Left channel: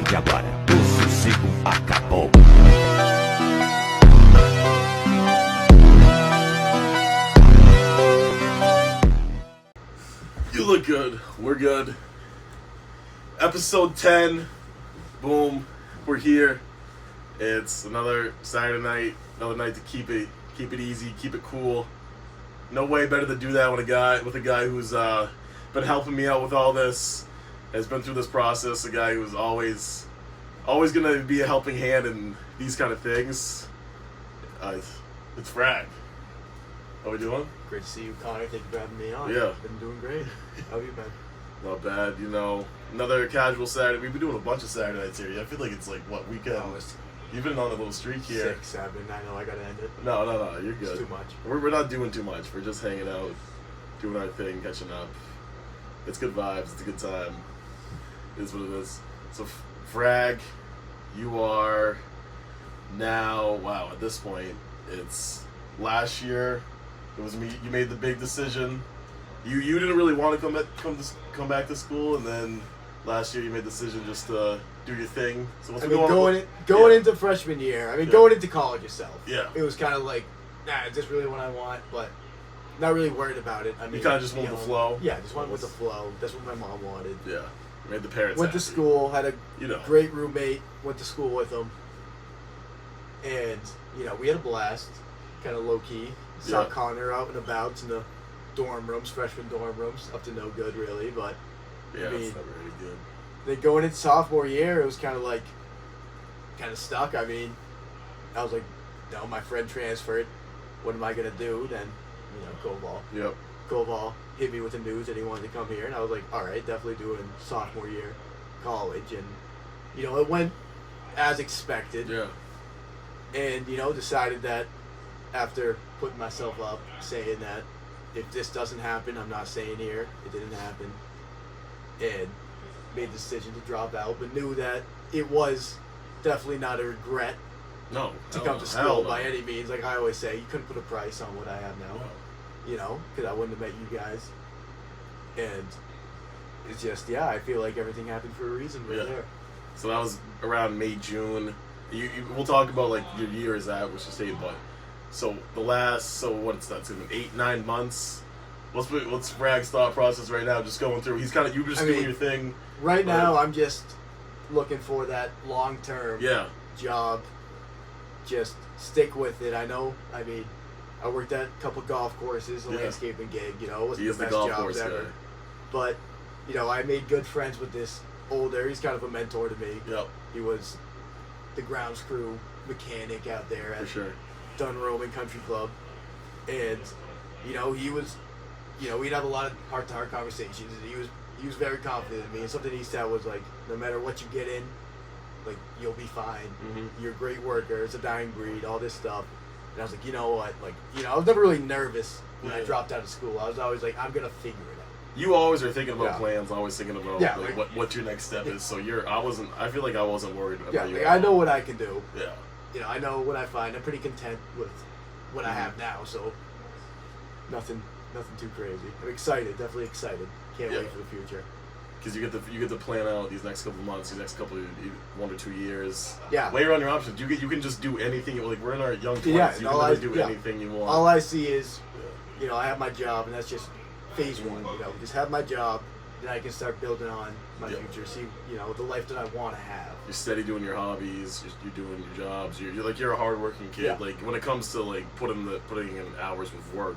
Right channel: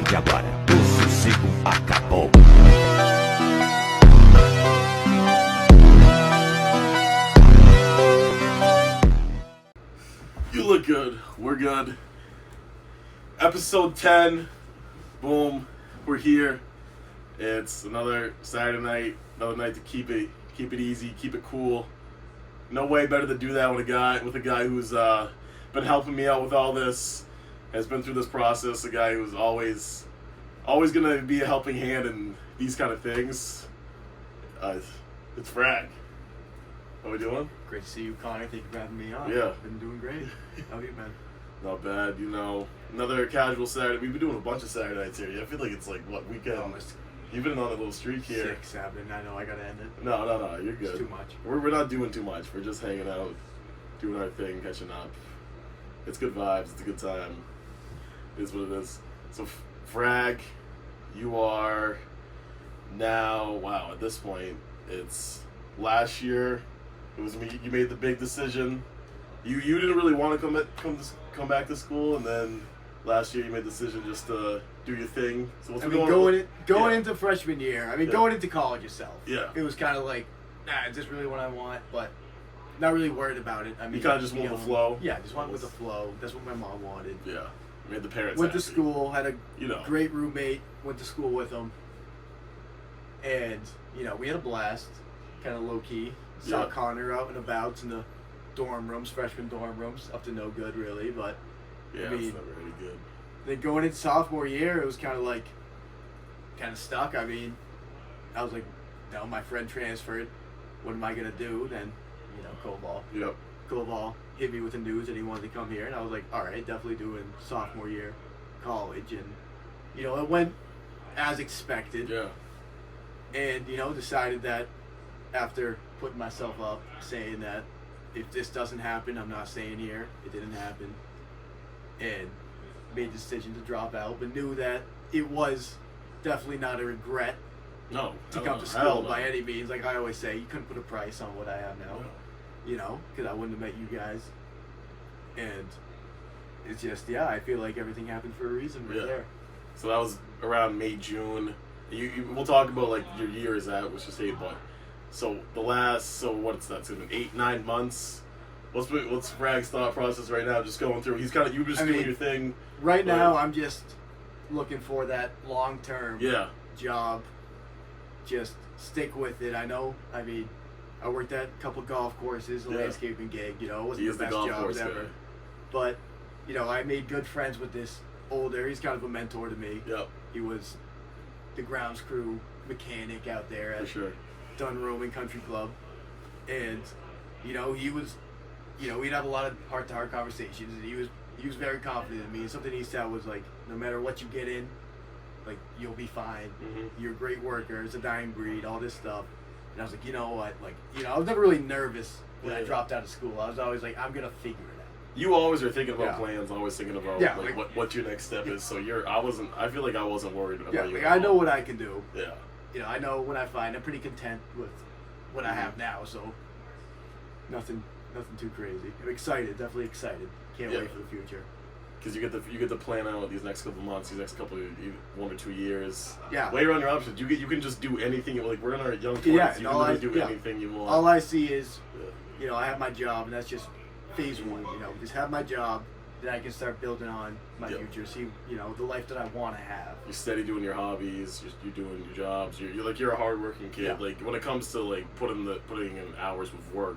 partir de agora, o sossego acabou. You look good. We're good. Episode 10. Boom. We're here. It's another Saturday night. Another night to keep it easy, keep it cool. No way better to do that with a guy who's been helping me out with all this, has been through this process. A guy who's always gonna be a helping hand in these kind of things. It's FRAG. How we doing? Great to see you, Connor. Thank you for having me on. Yeah. Been doing great. How have you been? Not bad, Another casual Saturday. We've been doing a bunch of Saturday nights here. I feel like it's like, what, weekend? Oh, You've been on a little streak here. 6, 7. I know I gotta end it. No, you're good. It's too much. We're not doing too much. We're just hanging out, doing our thing, catching up. It's good vibes. It's a good time. It is what it is. So, FRAG, you are now, wow, at this point, it's last year. It was me. You made the big decision. You didn't really want to come back to school, and then last year you made the decision just to do your thing. So what's going into freshman year, going into college itself. Yeah. It was kind of like, is this really what I want? But not really worried about it. You kind of just went with the flow. Yeah, just went with the flow. That's what my mom wanted. Yeah. Made the parents Went happy. to school, had a great roommate, went to school with him. And, we had a blast, kind of low-key. Saw Connor out and about in the dorm rooms, freshman dorm rooms, up to no good really, but yeah, it's never really good. Then going into sophomore year, it was kind of stuck. I was like, no, my friend transferred. What am I gonna do? Then, Koval. Yep. Koval hit me with the news that he wanted to come here, and I was like, all right, definitely doing sophomore year college, and it went as expected. Yeah. And decided that after putting myself up, saying that if this doesn't happen, I'm not staying here. It didn't happen. And made the decision to drop out, but knew that it was definitely not a regret to come to school by any means. Like I always say, you couldn't put a price on what I have now, because I wouldn't have met you guys. And it's just, I feel like everything happened for a reason there. So that was around May, June. We'll talk about like your year is at, which is 8 months. So what's that? It's been 8-9 months. What's FRAG's thought process right now? Just going through. He's you were just doing your thing. Right now, I'm just looking for that long-term job. Just stick with it. I know. I worked at a couple golf courses, a landscaping gig. It wasn't the best jobs ever. Guy. But I made good friends with this older. He's kind of a mentor to me. Yep. He was the grounds crew mechanic out there at Dunroman Country Club, and he was, we'd have a lot of heart-to-heart conversations, and he was very confident in me. And something he said was like, no matter what you get in, like you'll be fine. Mm-hmm. You're a great worker. It's a dying breed. All this stuff. And I was like, you know what? Like, I was never really nervous when I dropped out of school. I was always like, I'm gonna figure it out. You always are thinking about plans, always thinking about what your next step is. So I feel like I wasn't worried about you. I know what I can do. Yeah. I know what I find. I'm pretty content with what I have now, so nothing too crazy. I'm excited, definitely excited. Can't wait for the future. Because you get to plan out these next couple of months, these next couple of 1 or 2 years. Yeah. Weigh around your options. You can just do anything. Like we're in our young 20s. Yeah, you can literally do anything you want. All I see is, I have my job, and that's just phase one. Just have my job, then I can start building on my future. See, the life that I want to have. You're steady doing your hobbies. You're doing your jobs. You're a hardworking kid. Yeah. Like when it comes to like putting in hours with work,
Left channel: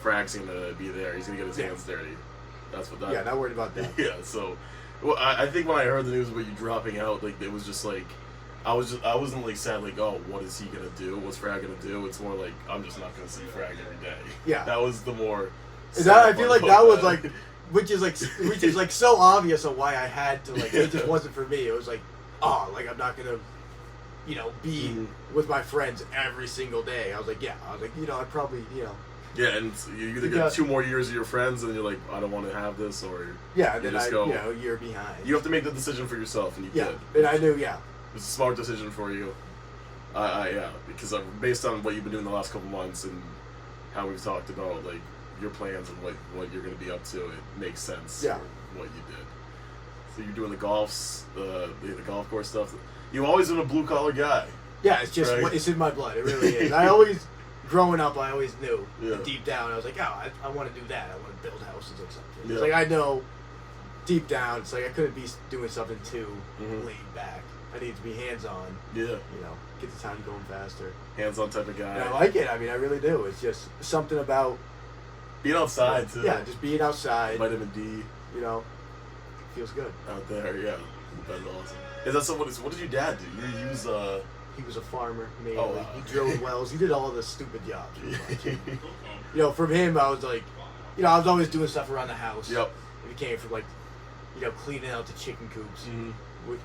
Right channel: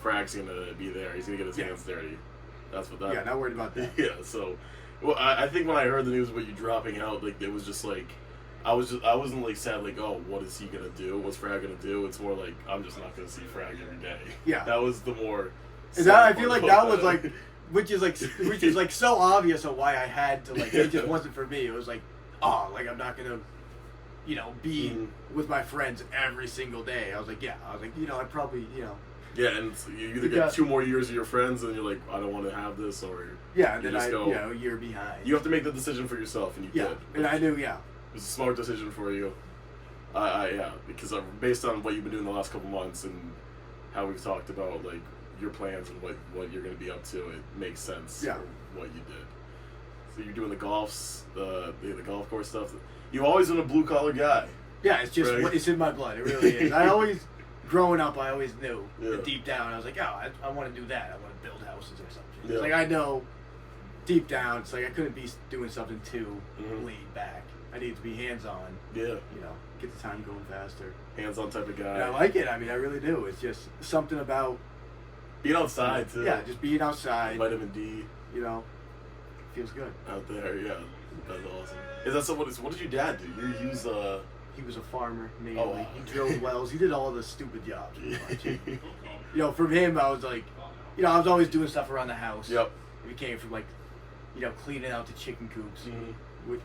Frag's gonna be there. He's gonna get his hands dirty. That's what that. Yeah, not worried about that. Yeah. So, I think when I heard the news about you dropping out, like it was just like, I wasn't like sad like, oh, what is he gonna do? What's Frag gonna do? It's more like I'm just not gonna see Frag every day. Yeah. That was the more. I feel like that was like. Which is like so obvious of why I had to like it just wasn't for me. It was like, I'm not gonna, be with my friends every single day. I was like, I probably, Yeah, and so you either get 2 more years of your friends, and you're like, I don't want to have this, or and then a year behind. You have to make the decision for yourself, and you did. And I knew, it was a smart decision for you. Because based on what you've been doing the last couple months and how we've talked about like your plans and what you're going to be up to, it makes sense for what you did. So you're doing the golf course stuff. You always been a blue collar guy. Yeah, it's just right? It's in my blood. It really is. I always, growing up, I always knew Yeah. deep down. I was like, oh, I want to do that. I want to build houses or something. Yeah. It's like I know deep down. It's like I couldn't be doing something too laid back. I need to be hands on. Yeah. You know, get the time going faster. Hands on type of guy. And I like it. I mean, I really do. It's just something about being outside too. Yeah, just being outside. Vitamin D. You know, feels good. Out there, yeah. That's awesome. Is that someone? What did your dad do? You use He was a farmer, mainly. Oh, wow. He drilled wells. He did all the stupid jobs. You know, from him, I was like, you know, I was always doing stuff around the house. Yep. It came from, like, you know, cleaning out the chicken coops. And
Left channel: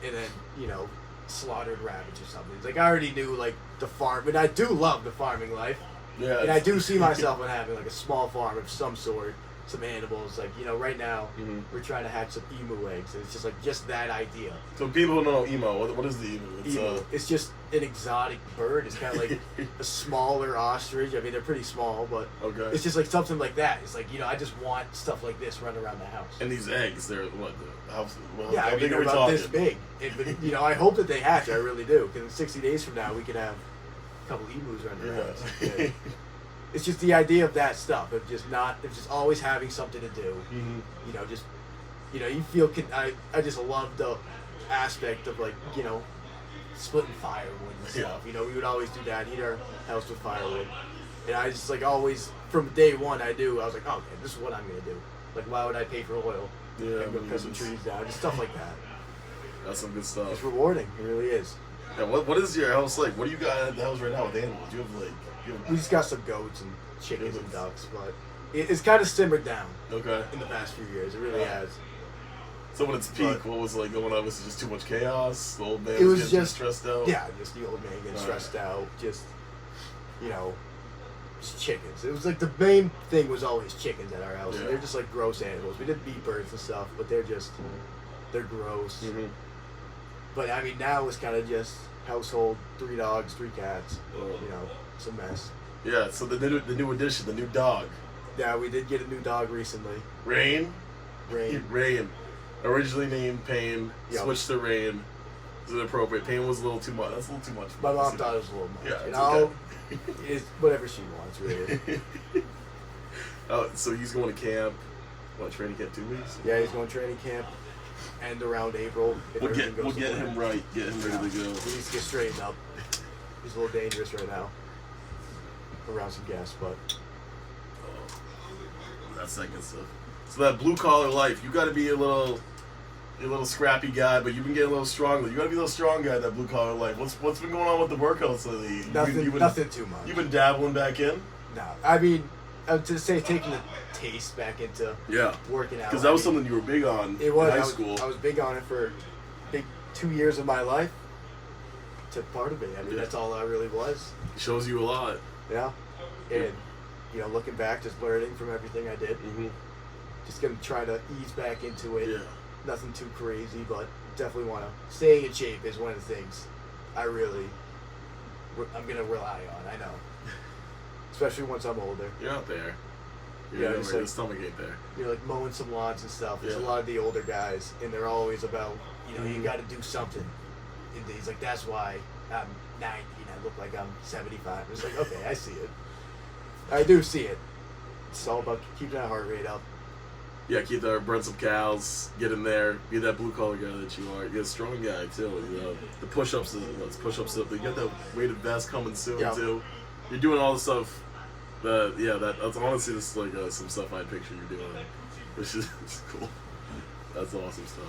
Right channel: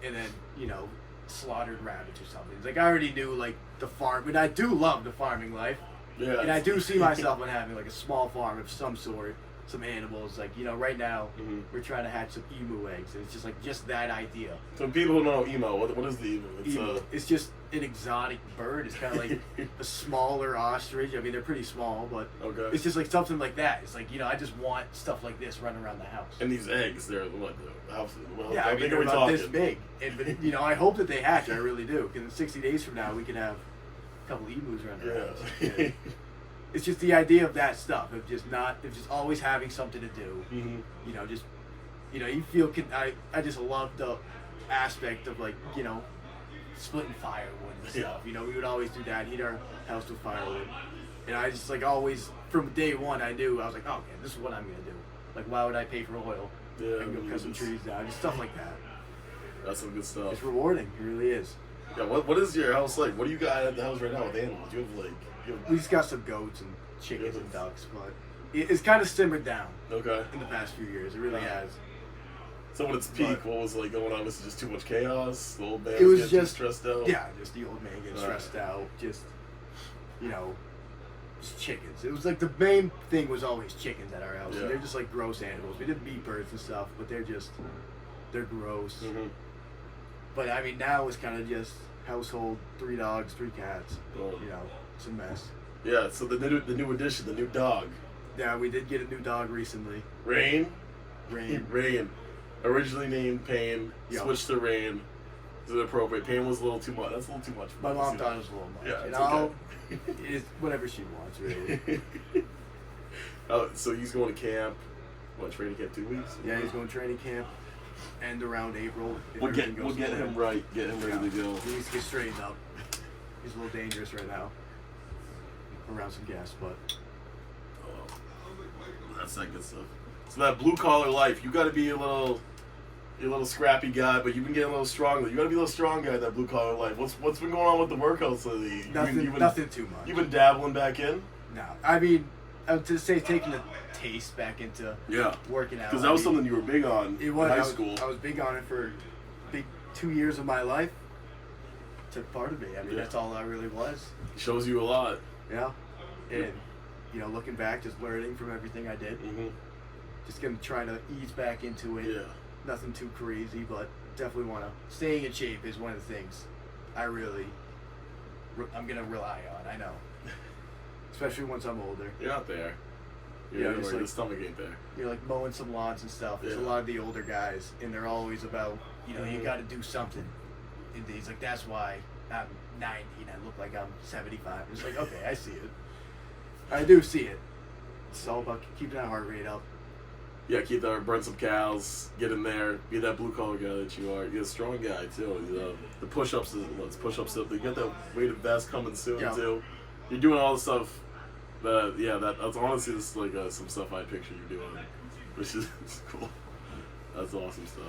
then, you know, slaughtered rabbits or something. It's like, I already knew, like, the farm. But I do love the farming life. Yeah. And I do see myself in having, like, a small farm of some sort. Some animals, like, you know, right now we're trying to hatch some emu eggs, and it's just like that idea. So people who don't know emo, what is the emu? It's just an exotic bird. It's kind of like a smaller ostrich. I mean, they're pretty small, but it's just like something like that. It's like, you know, I just want stuff like this running around the house. And these eggs, they're what? How I mean, big they're are we about talking? this big. And, you know, I hope that they hatch. I really do. Because in 60 days from now, we could have a couple emus running around. Yeah. It's just the idea of that stuff, of just always having something to do. You know, just, you know, you feel, I just love the aspect of, like, you know, splitting firewood and stuff. You know, we would always do that, heat our house with firewood. And I just, like, always, from day one, I was like, oh, okay, this is what I'm going to do. Like, why would I pay for oil? Yeah, and go cut some trees down, just stuff like that. That's some good stuff. It's rewarding, it really is. Yeah, what is your house like? What do you got at the house right now with animals? Do you have, like... We just got some goats and chickens and ducks, but it's kind of simmered down. Okay. In the past few years, it really has. So when it's peak, what was like going on? Was it just too much chaos? The old man was getting just stressed out? Yeah, just the old man getting stressed out. Just, you know, just chickens. It was like the main thing was always chickens at our house. Yeah. They're just like gross animals. We did beat birds and stuff, but they're gross. But I mean, now it's kind of just household, 3 dogs, 3 cats. You know, it's a mess. Yeah, so the new addition, the new dog. Yeah, we did get a new dog recently. Rain. Rain. Originally named Pain, Yep. switched to Rain. Is it appropriate? Pain was a little too much. That's a little too much. My mom thought it was a little much. Yeah, and it's okay. It's whatever she wants, really. So he's going to camp. What, training camp 2 weeks? Yeah, he's going to training camp. End around April. We'll get him right. Get him ready to go. He needs to get straightened up. He's a little dangerous right now. Around some gas, but that's that good stuff. So that blue collar life, you got to be a little scrappy guy, but you've been getting a little stronger. You got to be a little strong guy in that blue collar life. What's been going on with the workouts lately? Nothing too much. You've been dabbling back in. No, I mean, I would say taking the taste back into working out. Because that was something you were big on in high school. I was big on it for big 2 years of my life. Took part of it. I mean, that's all I really was. It shows you a lot. Yeah, and you know, looking back, just learning from everything I did. Just gonna try to ease back into it. Yeah. Nothing too crazy, but definitely want to. Staying in shape is one of the things I'm gonna rely on. I know, especially once I'm older. You're out there. The stomach ain't there. You're like mowing some lawns and stuff. There's a lot of the older guys, and they're always about, you know, you got to do something. And he's like, that's why I'm 90 and I look like I'm 75. It's like, okay, I see it. I do see it. It's all about keeping that heart rate up. Yeah, burn some cows, get in there, be that blue collar guy that you are. You're a strong guy too. You know, the push-ups, you got that weighted vest coming soon too. You're doing all the stuff. That's honestly just like some stuff I picture you doing, which is cool. That's awesome stuff.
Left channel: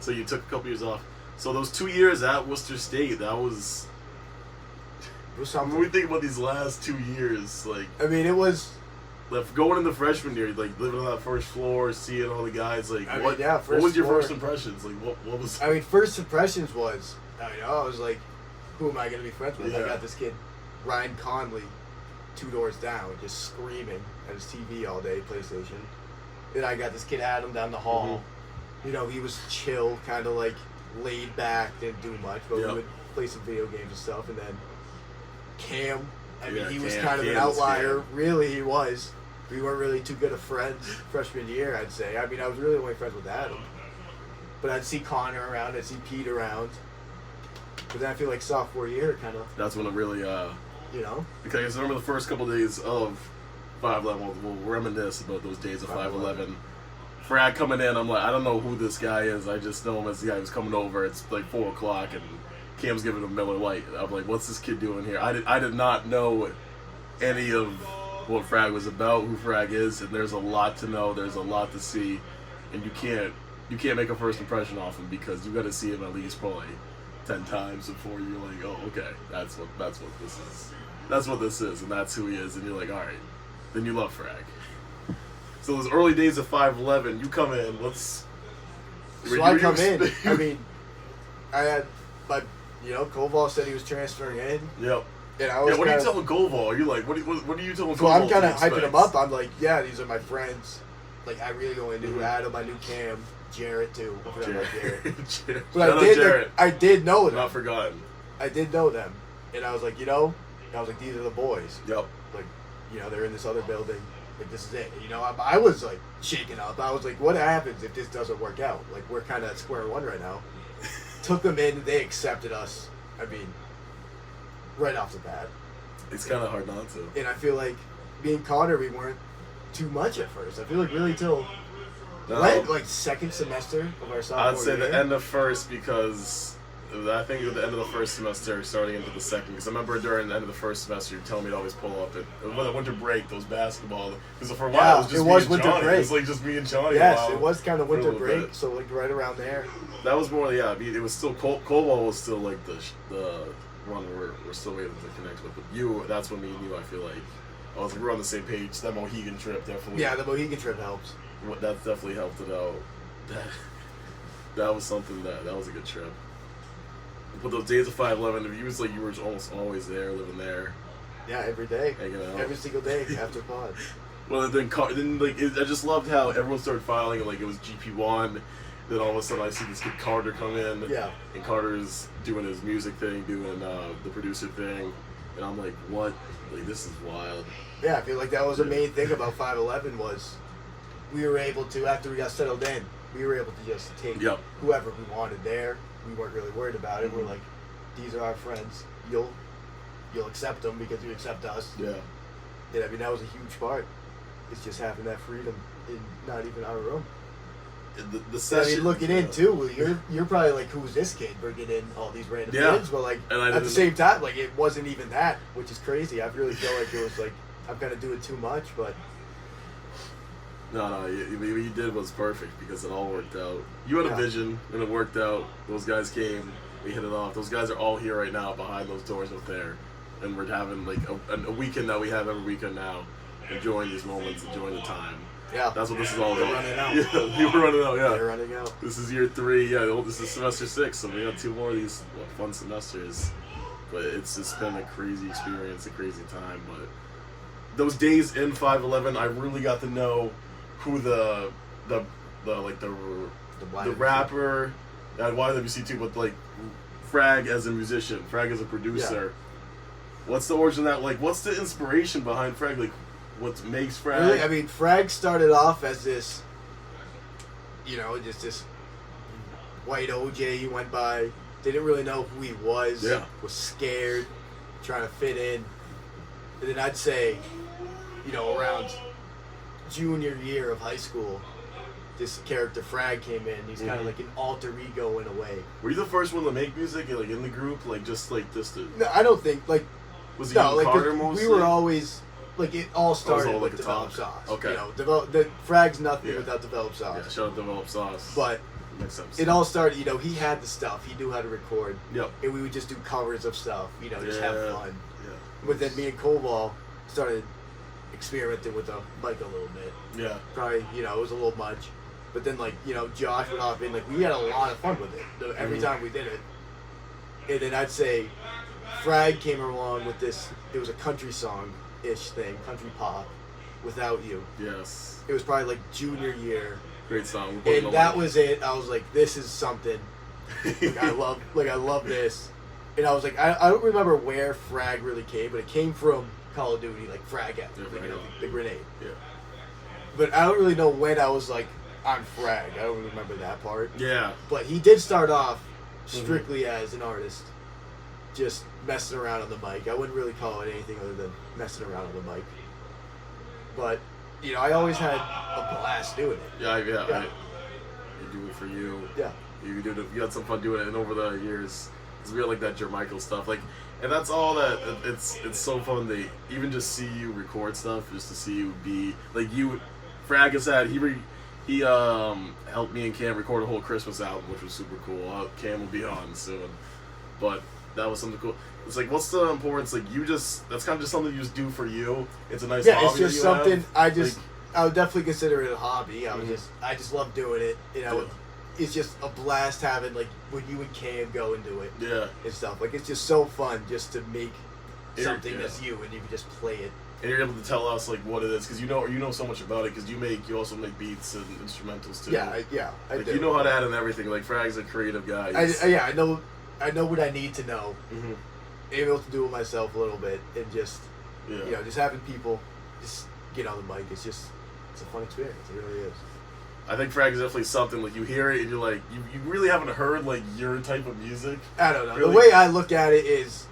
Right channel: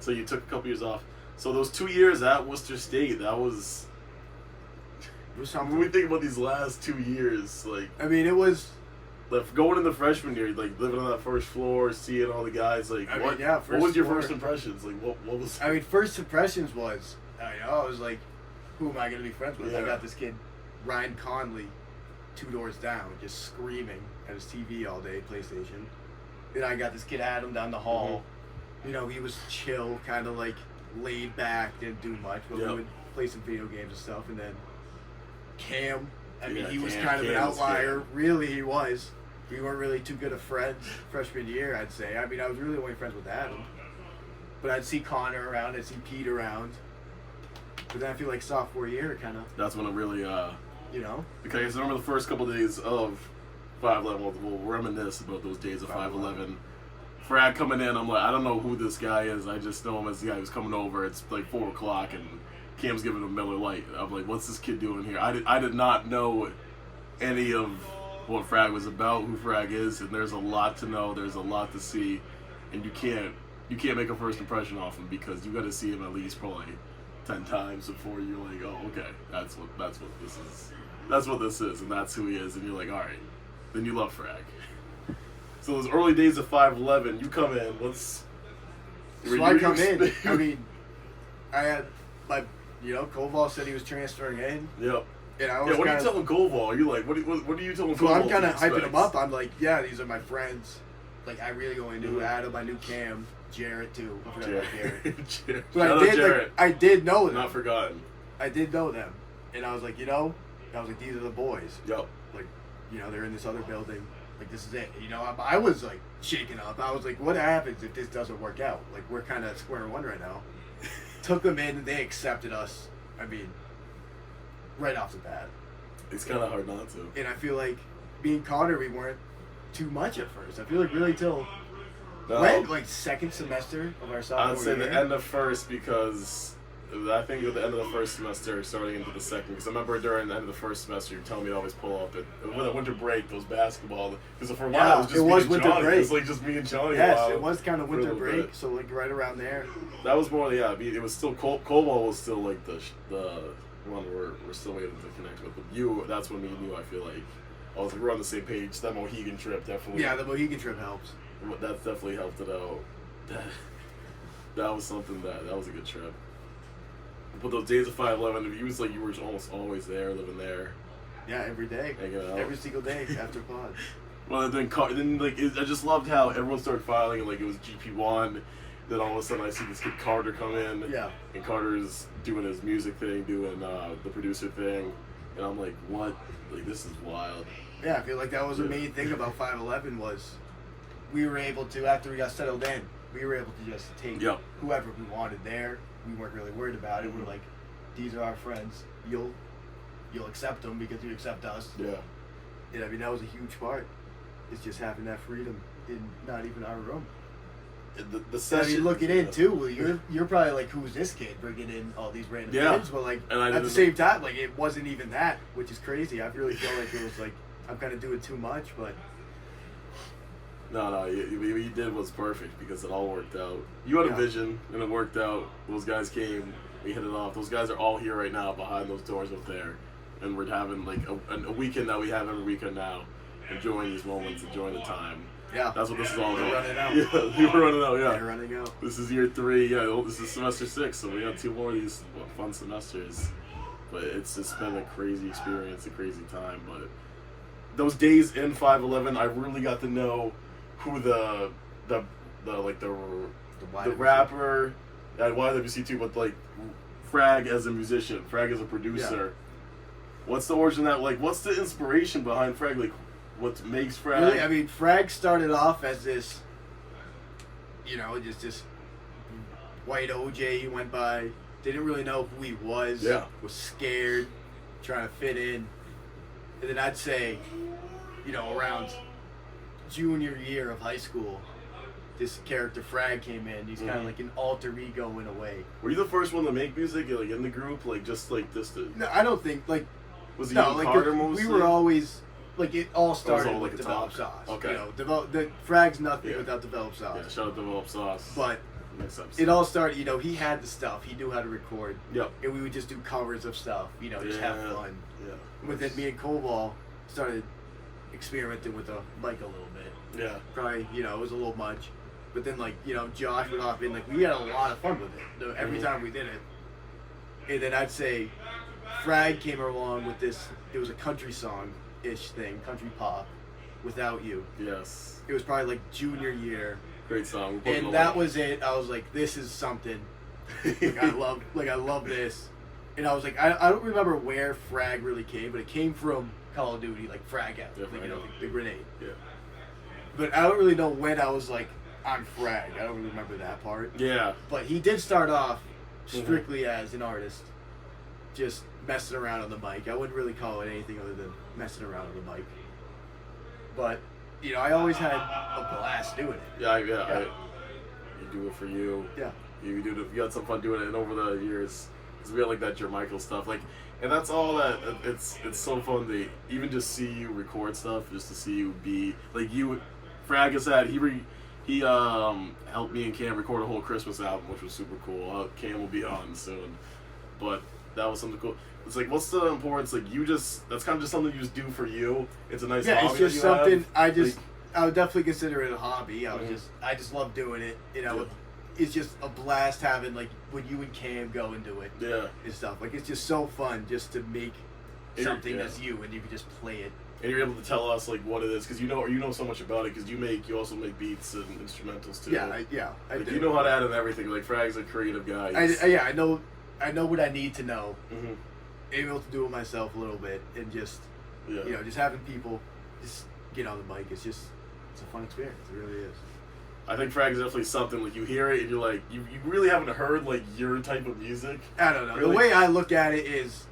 So you took a couple years off. So those 2 years at Worcester State, that was. When we think about these last 2 years, like. I mean, it was. Like going in the freshman year, like living on that first floor, seeing all the guys, like what was your first impressions? Like what was? I mean, first impressions was, I was like, who am I gonna be friends with? Yeah. I got this kid, Ryan Conley, 2 doors down, just screaming at his TV all day, PlayStation. Then I got this kid Adam down the hall. You know, he was chill, kind of like laid back, didn't do much, but we would play some video games and stuff. And then Cam, I mean, he was kind of an outlier. Really, he was. We weren't really too good of friends freshman year, I'd say. I mean, I was really only friends with Adam. But I'd see Connor around, I'd see Pete around. But then I feel like sophomore year, kind of. That's when it really, you know? Because I remember the first couple of days of 5'11", we'll reminisce about those days of 5'11". Frag coming in, I'm like, I don't know who this guy is. I just know him as the guy who's coming over. It's like 4 o'clock and Cam's giving him Miller Lite. I'm like, what's this kid doing here? I did not know any of what Frag was about, who Frag is, and there's a lot to know. There's a lot to see, and you can't make a first impression off him because you got to see him at least probably 10 times before you're like, oh, okay, that's what this is. That's what this is, and that's who he is, and you're like, all right, then you love Frag. So those early days of 5'11", you come in. So I come in. I mean, I had Koval said he was transferring in. Yep. And I was what are you telling Koval? Are you like, what are you telling Koval? So I'm kind of hyping him up. I'm like, yeah, these are my friends. Like, I really only knew Adam. I knew Cam, Jarrett too. I forgot about Jarrett. But I did know them. Not forgotten. I did know them, and I was like, these are the boys. Yep. Like, they're in this other building. Like, this is it. I was like shaking up. I was like, what happens if this doesn't work out? Like, we're kind of at square one right now. Took them in. They accepted us. I mean, right off the bat. It's kind of hard not to. And I feel like me and Connor, we weren't too much at first. I feel like really till like second semester of our sophomore I'd say year. the end of first because I think at the end of the first semester, starting into the second. Because I remember during the end of the first semester, you telling me to always pull up with a winter break, those basketball. Because for a while it was winter Johnny. break. It was like just me and Johnny. Yes, it was kind of winter break. So like right around there. That was more it was still Koval was still like the one we're still waiting to connect with. But you, that's when me and you, I feel like, I was like, we're on the same page. That Mohegan trip definitely. Yeah, the Mohegan trip helps. That definitely helped it out. That was something that was a good trip. But those days of 5'11", it was like you were almost always there, living there. Yeah, every day. Hanging out. Every single day after pod. Well, and then I just loved how everyone started filing, and like it was GP1. Then all of a sudden I see this kid Carter come in. Yeah. And Carter's doing his music thing, doing the producer thing. And I'm like, what? Like, this is wild. Yeah, I feel like that was the main thing about 5'11" was we were able to, after we got settled in, we were able to just take whoever we wanted there. We weren't really worried about it. We're like, these are our friends. You'll accept them because you accept us. Yeah. And I mean, that was a huge part. It's just having that freedom in not even our room. The session. I mean, looking in too, you're probably like, who's this kid bringing in all these random kids? But like at the same time, like it wasn't even that, which is crazy. I really feel like it was like I'm kind of doing too much, but. No, what you did was perfect because it all worked out. You had a vision, and it worked out. Those guys came, we hit it off. Those guys are all here right now behind those doors up there. And we're having like a weekend that we have every weekend now, enjoying these moments, enjoying the time. Yeah. That's what this is all about. Running out. Yeah, you were running out, yeah. They're running out. This is year 3, this is semester 6, so we got 2 more of these fun semesters. But it's been a crazy experience, a crazy time. But those days in 5'11", I really got to know who the rapper at YWC too, but like Frag as a musician, Frag as a producer. Yeah. What's the origin of that? Like, what's the inspiration behind Frag? Like, what makes Frag? Really, I mean, Frag started off as this, just this white OJ. He went by. They didn't really know who he was. Yeah. Was scared, trying to fit in, and then I'd say, around junior year of high school, this character Frag came in. He's kind of like an alter ego in a way. Were you the first one to make music, like in the group, just to? No, I don't think like. Was it Carter mostly? We were always like it all started with Develop Sauce. Okay. The Frag's nothing without Develop Sauce. Yeah, shout out Develop Sauce. But it all started. He had the stuff. He knew how to record. Yep. And we would just do covers of stuff. Just have fun. Yeah. But then me and Koval started experimenting with the mic a little bit. Yeah. Probably, it was a little much. But then, Josh went off and, we had a lot of fun with it every time we did it. And then I'd say Frag came along with this, it was a country song-ish thing, country pop, Without You. Yes. It was probably, junior year. Great song. And that was it. I was like, this is something. I love this. And I was like, I don't remember where Frag really came, but it came from Call of Duty, Frag out, the grenade. Yeah. But I don't really know when I was like, on FRAG. I don't remember that part. Yeah. But he did start off strictly as an artist, just messing around on the mic. I wouldn't really call it anything other than messing around on the mic. But, you know, I always had a blast doing it. Yeah. You do it for you. Yeah. You had some fun doing it, and over the years, it's real like that Jermichael stuff. Like, and that's all that. It's so fun to even just see you record stuff, just to see you be like you. Frag has had he helped me and Cam record a whole Christmas album, which was super cool. Cam will be on soon, but that was something cool. It's like, what's the importance? Like, that's kind of just something you just do for you. It's a nice hobby. It's just something have. I would definitely consider it a hobby. I just love doing it. You know, it's just a blast having like when you and Cam go and do it. Yeah. And stuff like it's just so fun just to make something that's you and you can just play it. And you're able to tell us like what it is because you know so much about it because you also make beats and instrumentals too. Yeah. I like do. You know how to add in everything. Like Frag's a creative guy. I know what I need to know. Able to do it myself a little bit and just just having people just get on the mic. It's a fun experience. It really is. I think Frag is definitely something like you hear it and you're like you really haven't heard like your type of music. I don't know. Really? The way I look at it is,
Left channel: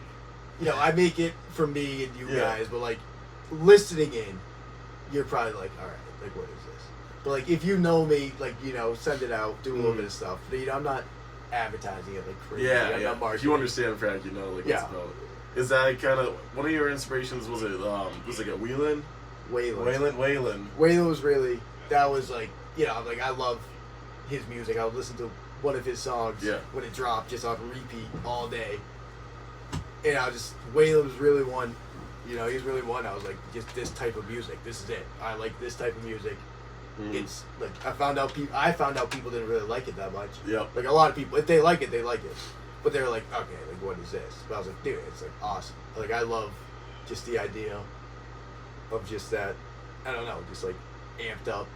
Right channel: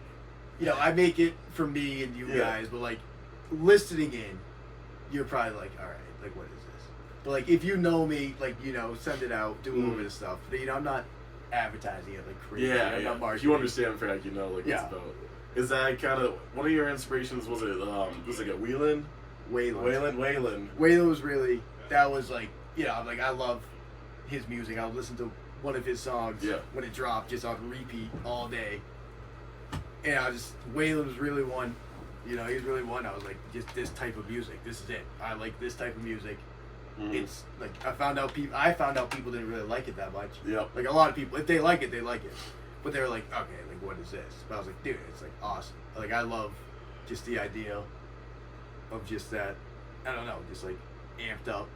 I make it for me and you guys, but like listening in, you're probably like, all right, like what is this? But like if you know me, like send it out, do a little bit of stuff. But, I'm not advertising it like crazy. I'm not marketing. If you understand Frag, you know like what's about. Is that kind of one of your inspirations? Was it was it like a Waylon? Waylon was really that was like. I love his music. I would listen to one of his songs when it dropped, just on repeat all day. And Waylon was really one. He was really one. I was like, just this type of music. This is it. I like this type of music. It's like I found out people didn't really like it that much. Yeah. Like a lot of people, if they like it, they like it. But they were like, okay, like what is this? But I was like, dude, it's like awesome. Like I love just the idea of just that. I don't know, just like amped up.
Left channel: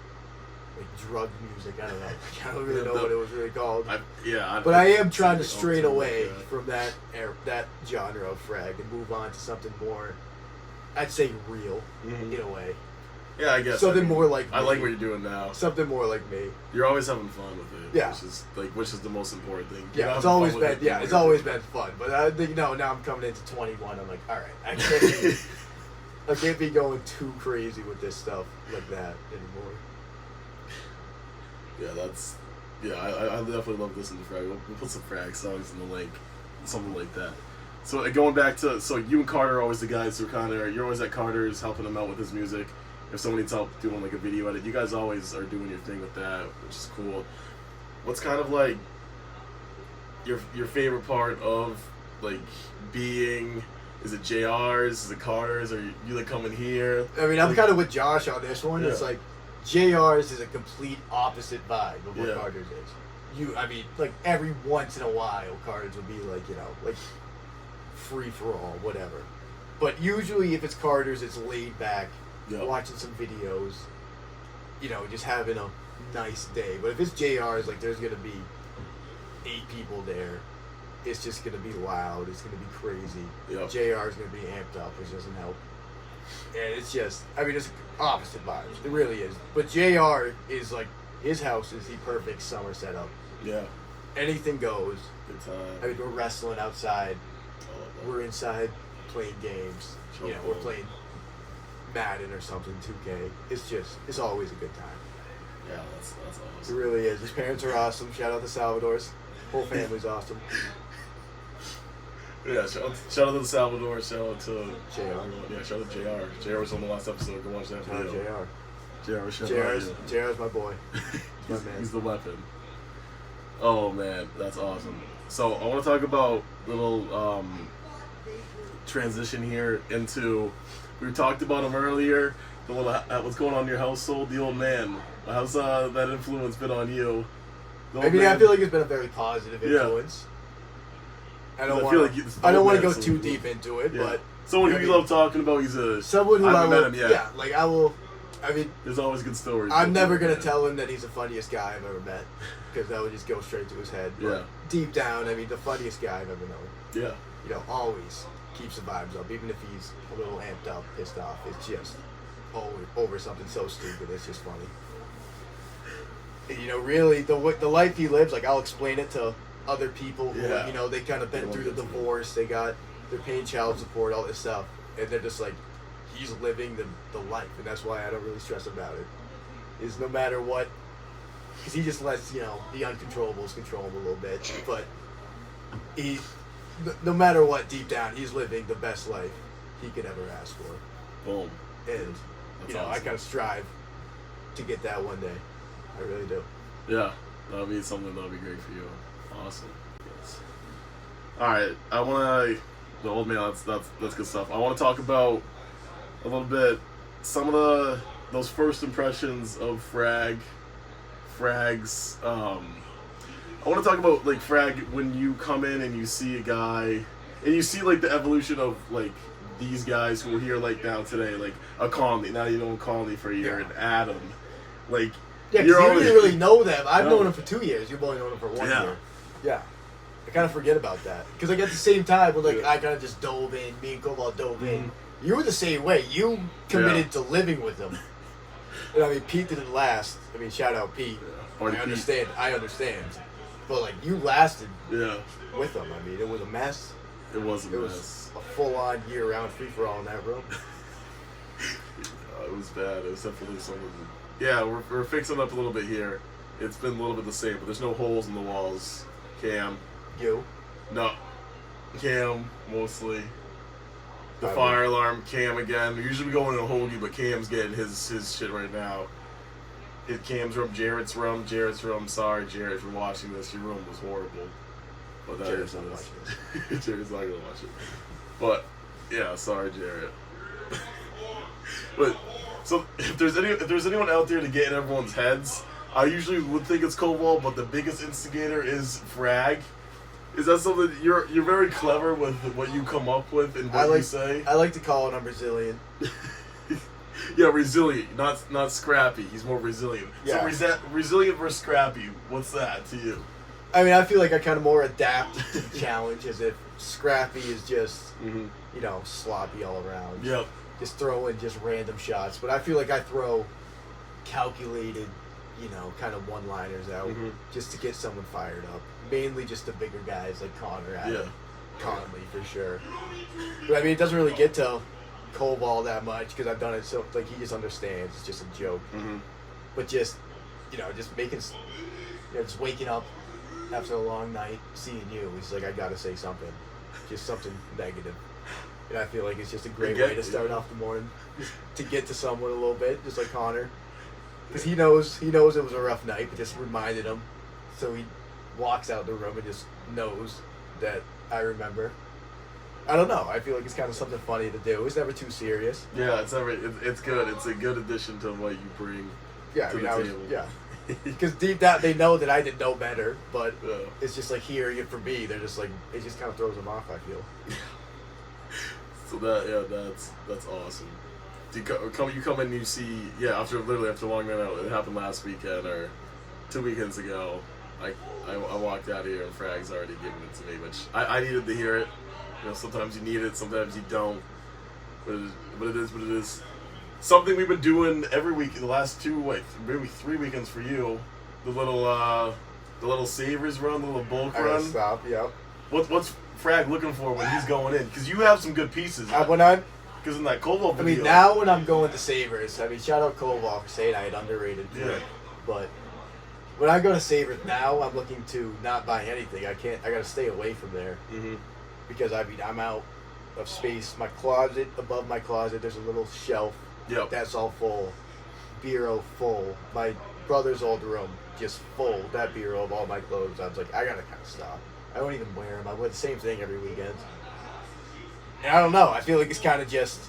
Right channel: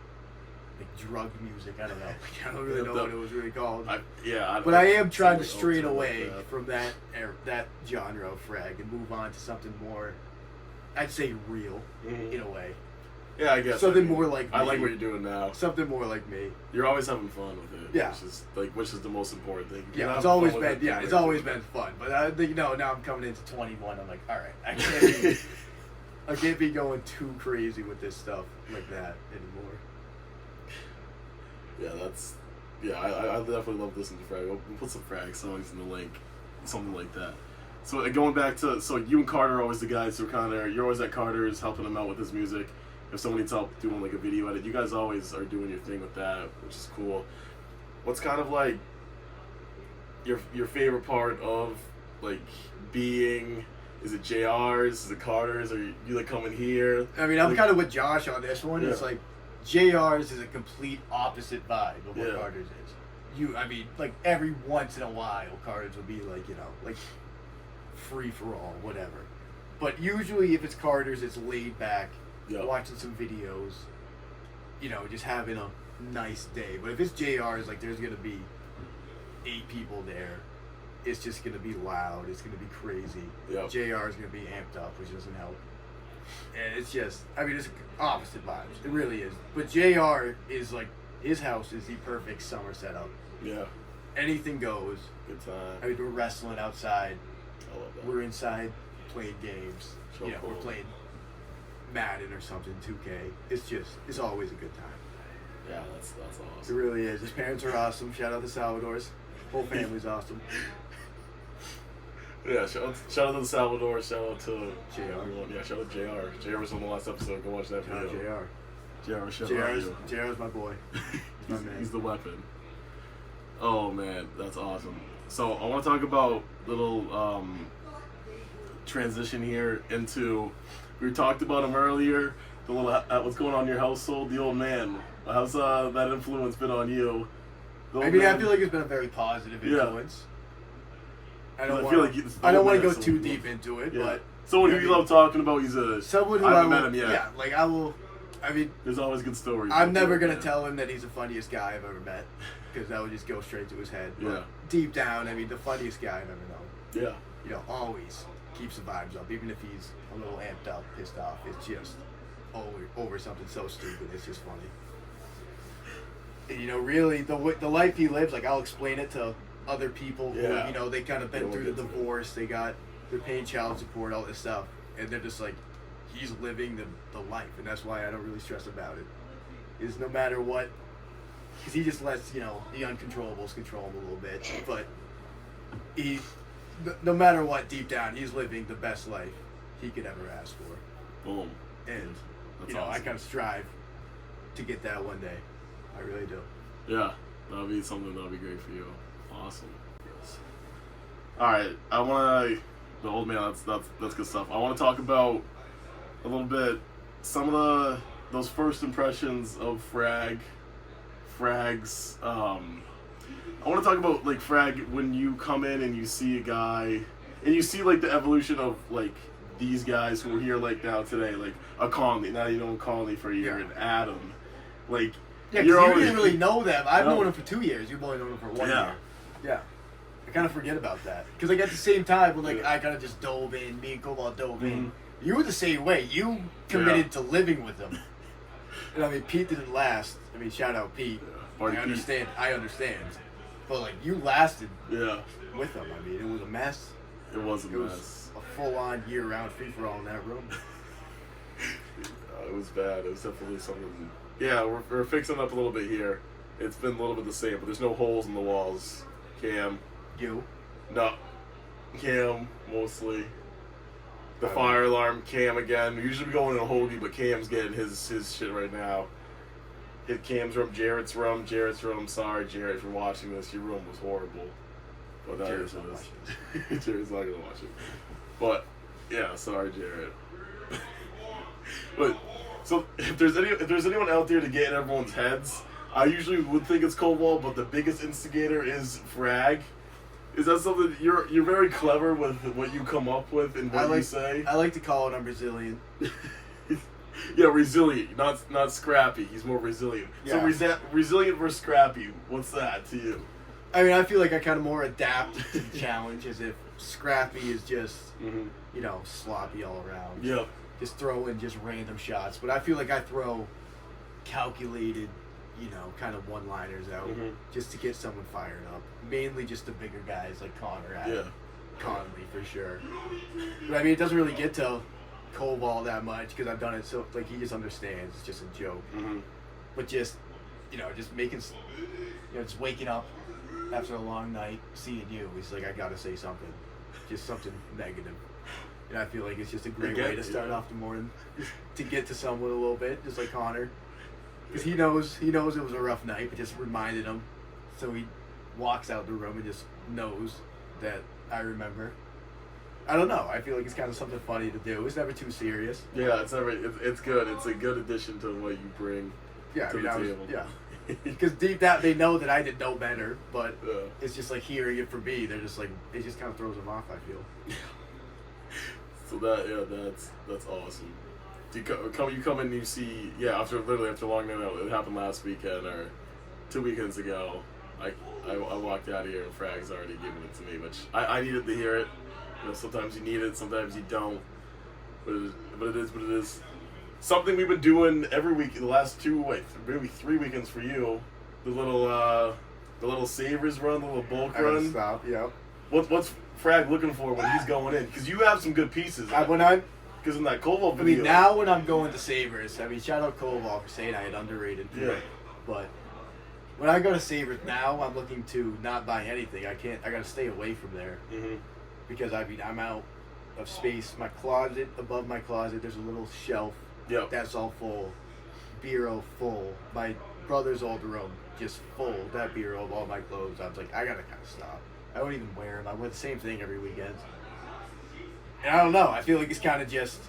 Like drug music, I don't know. I don't really know what it was really called. But I am trying to stray away from that genre of Frag and move on to something more, I'd say real, in a way. Yeah, I guess. Something more like me. I like what you're doing now. Something more like me. You're always having fun with it. Yeah. Which is the most important thing. Yeah, it's always been fun. But I think, now I'm coming into 21, I'm like, all right, I can't be going too crazy with this stuff like that anymore. I definitely love listening to Frag. We'll put some Frag songs in the link, something like that. So going back to, you and Carter are always the guys who you're always at Carter's helping him out with his music. If someone needs help doing like a video edit, you guys always are doing your thing with that, which is cool. What's kind of like your favorite part of like being? Is it JR's? Is it Carter's? Or you like coming here? I mean, I'm kind of with Josh on this one. It's like JR's is a complete opposite vibe of what Carter's is. Like every once in a while, Carter's will be like, like free for all, whatever. But usually, if it's Carter's, it's laid back, watching some videos, just having a nice day. But if it's JR's, like there's gonna be 8 people there. It's just gonna be loud. It's gonna be crazy. JR's gonna be amped up, which doesn't help. And it's just, it's opposite vibes. It really is. But JR is like, his house is the perfect summer setup. Yeah. Anything goes. Good time. We're wrestling outside. We're inside playing games. We're playing Madden or something, 2K. It's always a good time. Yeah, that's awesome. It really is. His parents are awesome. Shout out to Salvador's. Whole family's awesome. Yeah, shout out to the Salvador, shout out to JR. Yeah, shout out to JR. JR was on the last episode, go watch that video. JR's my boy. He's the weapon. Oh man, that's awesome. So I want to talk about little transition here into, we talked about him earlier, the little what's going on in your household, the old man. How's that influence been on you? I feel like it's been a very positive influence. I don't want to go too deep into it, but someone who you love talking about. Someone who I haven't met him yet. Yeah, like I will. There's always good stories. I'm never gonna tell him that he's the funniest guy I've ever met, because that would just go straight to his head. But deep down, the funniest guy I've ever known. Yeah. Always keeps the vibes up, even if he's a little amped up, pissed off. It's just always over something so stupid. It's just funny. And, really, the life he lives, like, I'll explain it to other people who, Yeah. they kind of been through the divorce. They're paying child support, all this stuff. And they're just like, he's living the life. And that's why I don't really stress about it. Is no matter what, because he just lets, the uncontrollables control him a little bit. But no matter what, deep down, he's living the best life he could ever ask for. Boom. And, That's I awesome. kind of strive to get that one day. I really do. Yeah, that'll be something that'll be great for you. Awesome. Yes. All right, I want to. The old man. That's good stuff. I want to talk about a little bit some of those first impressions of Frags. I want to talk about like Frag when you come in and you see a guy and you see like the evolution of like these guys who are here like now today, like a Conley. Now you know Conley for a year, and Adam, like. Yeah, because you didn't really know them. I've known them for 2 years. You've only known them for 1 year. Yeah. I kind of forget about that. Because, like, at the same time, when, like, I kind of just dove in, me and Koval dove in. You were the same way. You committed to living with them. And, I mean, Pete didn't last. I mean, shout out Pete. Yeah. I understand. But, like, you lasted Yeah. with them. I mean, it was a mess. It was a mess. It was a full-on year-round free-for-all in that room. It was bad. It was definitely something. Yeah, we're fixing up a little bit here. It's been a little bit the same, but there's no holes in the walls. Cam. You? No. Cam, mostly. The fire alarm, Cam again. Usually we go in a hoagie, but Cam's getting his shit right now. Hit Cam's room, Jarrett's room. Sorry, Jarrett, if you're watching this, your room was horrible. But that Jarrett's is not what it is. Jarrett's not going to watch it. But, yeah, sorry, Jarrett. But... So if there's anyone out there to get in everyone's heads, I usually would think it's Koval, but the biggest instigator is Frag. Is that something you're very clever with what you come up with and what you say? I like to call it I'm Brazilian. Yeah, resilient, not scrappy. He's more resilient. Yeah. So resilient versus scrappy. What's that to you? I mean, I feel like I kind of more adapt to the challenge, as if scrappy is just sloppy all around. Yep. Just throw in just random shots. But I feel like I throw calculated, kind of one-liners out just to get someone fired up. Mainly just the bigger guys like Connor, Adam, Conley for sure. But I mean, it doesn't really get to Koval that much because I've done it so, like, he just understands. It's just a joke. But just, just making, just waking up after a long night, seeing you, he's like, I gotta say something. Just something negative. And I feel like it's just a great way to start off the morning, just to get to someone a little bit, just like Connor, because he knows it was a rough night, but just reminded him, so he walks out the room and just knows that I remember. I don't know. I feel like it's kind of something funny to do. It's never too serious. Yeah, it's good. It's a good addition to what you bring to the table. Because deep down they know that I did no better, but it's just like hearing it from me. They're just like, it just kind of throws them off, I feel. So that's awesome. You come in and you see after a long night out. It happened last weekend or 2 weekends ago. I walked out here and Frag's already given it to me, which I needed to hear it. Sometimes you need it, sometimes you don't. But it is what it is. Something we've been doing every week the last maybe 3 weekends for you. The little Savers run, the little bulk run. Stop. Yep. What's Frag looking for when he's going in? Because you have some good pieces. Because in that Koval video. I mean, now when I'm going to Savers, shout out Koval for saying I had underrated. Yeah. But when I go to Savers now, I'm looking to not buy anything. I gotta stay away from there. Because I'm out of space. My closet, above my closet, there's a little shelf. Yep. That's all full. Bureau full. My brother's old room, just full. That bureau of all my clothes. I was like, I gotta kind of stop. I don't even wear them. I wear the same thing every weekend. And I don't know. I feel like it's kind of just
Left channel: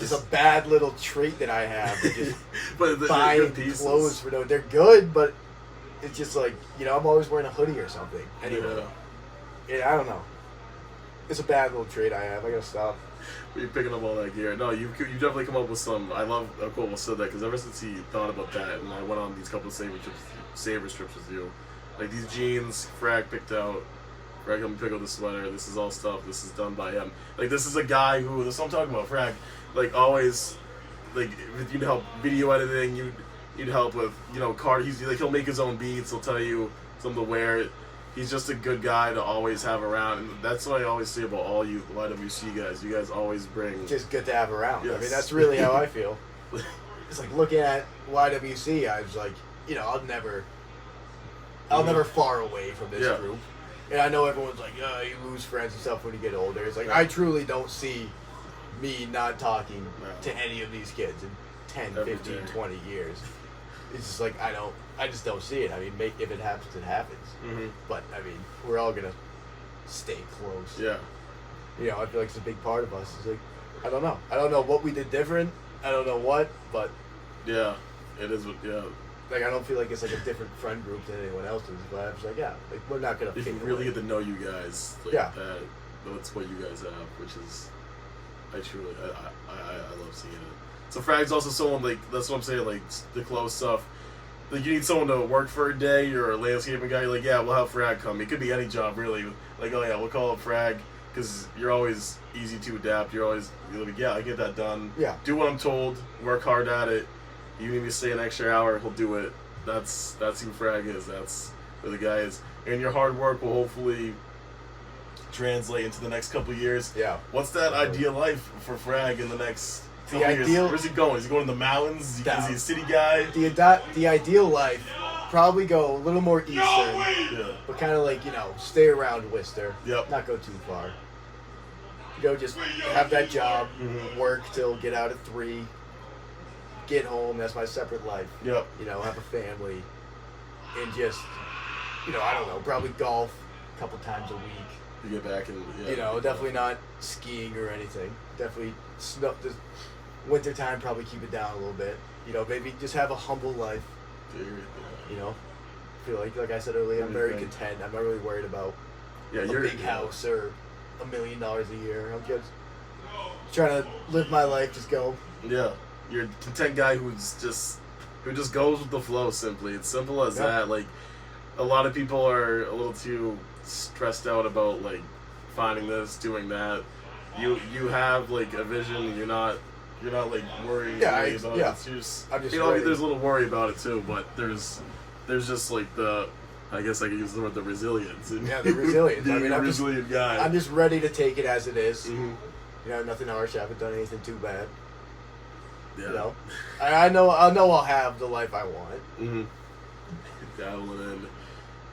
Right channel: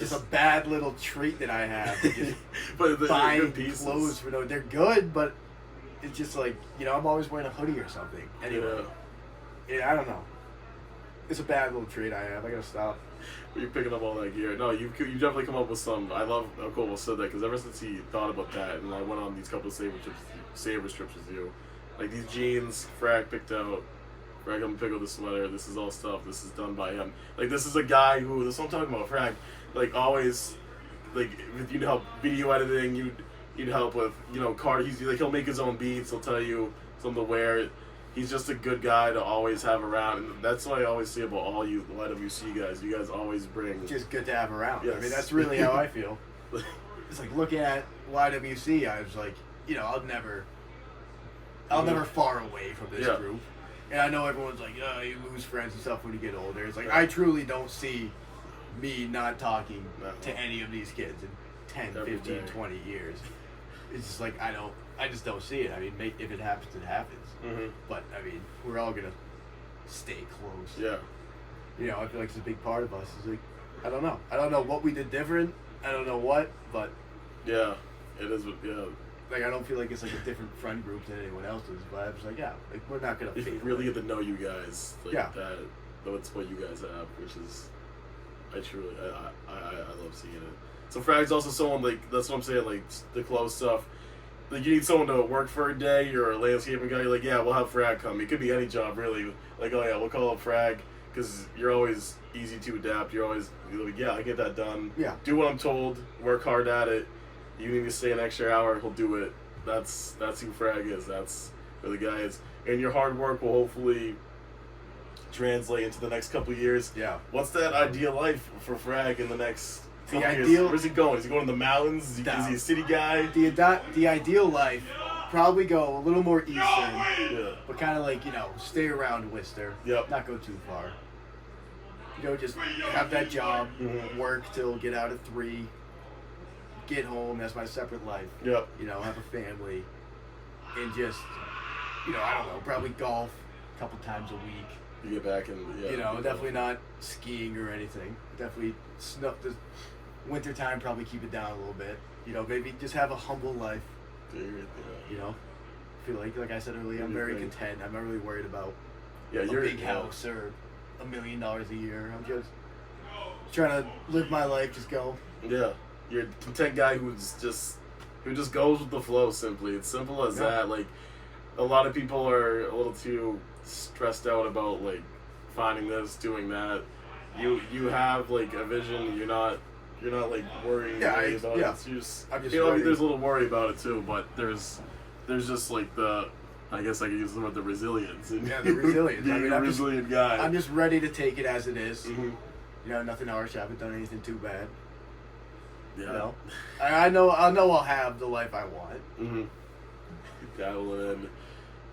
a bad little trait that I have. Just but buying clothes for they're good, but it's just like, I'm always wearing a hoodie or something. Anyway, I don't know. It's a bad little trait I have. I gotta stop. You're picking up all that gear. No, you definitely come up with some. I love how Koval said that because ever since he thought about that, and I went on these couple of Savers trips with you, like these jeans, Frag picked out. Frag helped me pick out the sweater. This is all stuff. This is done by him. Like this is a guy who. That's what I'm talking about. Frag, like always, like if you help video editing, he'd help with, you know, he'll make his own beats. He'll tell you something to wear. He's just a good guy to always have around, and that's what I always say about all you YWC guys. You guys always bring. Just good to have around. Yes. I mean, that's really how I feel. It's like looking at YWC, I was like, you know, I'll never far away from this group. And I know everyone's like, oh, you lose friends and stuff when you get older. It's like, I truly don't see me not talking to any of these kids in 10, 15, 20 years. It's just like, I just don't see it. I mean, if it happens, it happens. But, I mean, we're all going to stay close. Yeah. You know, I feel like it's a big part of us. It's like, I don't know. I don't know what we did different. I don't know what, but... Yeah, it is, yeah. Like, I don't feel like it's like a different friend group than anyone else's, but I was like, yeah, like, we're not going to... If you really get to know you guys, like that's what you guys have, which is... I love seeing it. So Frag's also someone, like, that's what I'm saying, like, the close stuff. Like, you need someone to work for a day, you're a landscaping guy, you're like, yeah, we'll have Frag come. It could be any job, really. Like, oh, yeah, we'll call up Frag, because you're always easy to adapt. You're like, yeah, I get that done. Yeah. Do what I'm told, work hard at it. You need me to stay an extra hour, he'll do it. That's who Frag is. That's who the guy is. And your hard work will hopefully translate into the next couple of years. Yeah. What's that ideal life for Frag in the next couple years? Where's he going? Is he going to the mountains? Is he a city guy? The ideal life, probably go a little more eastern, but kind of like, you know, stay around Worcester. Yep. Not go too far. You know, just have that job, work till get out at 3, get home. That's my separate life. Yep. You know, have a family, and just, you know, I don't know, probably golf a couple times a week. You get back and you know, definitely not skiing or anything. Definitely this winter time. Probably keep it down a little bit. You know, maybe just have a humble life. You know, feel like I said earlier, I'm very content. I'm not really worried about a big house or $1 million a year. I'm just trying to live my life. Just go. Yeah, you're a content guy who just goes with the flow. Simply, it's simple as that. Like, a lot of people are a little too stressed out about like finding this, doing that. You have like a vision. You're not like worrying about it. It's just, you know, there's a little worry about it too, but there's just like I guess I could use the word, the resilience. And the resilience. Being a resilient guy. I'm just ready to take it as it is. You know, nothing harsh. I haven't done anything too bad. Yeah. You know, I know I'll have the life I want. Dabbling in.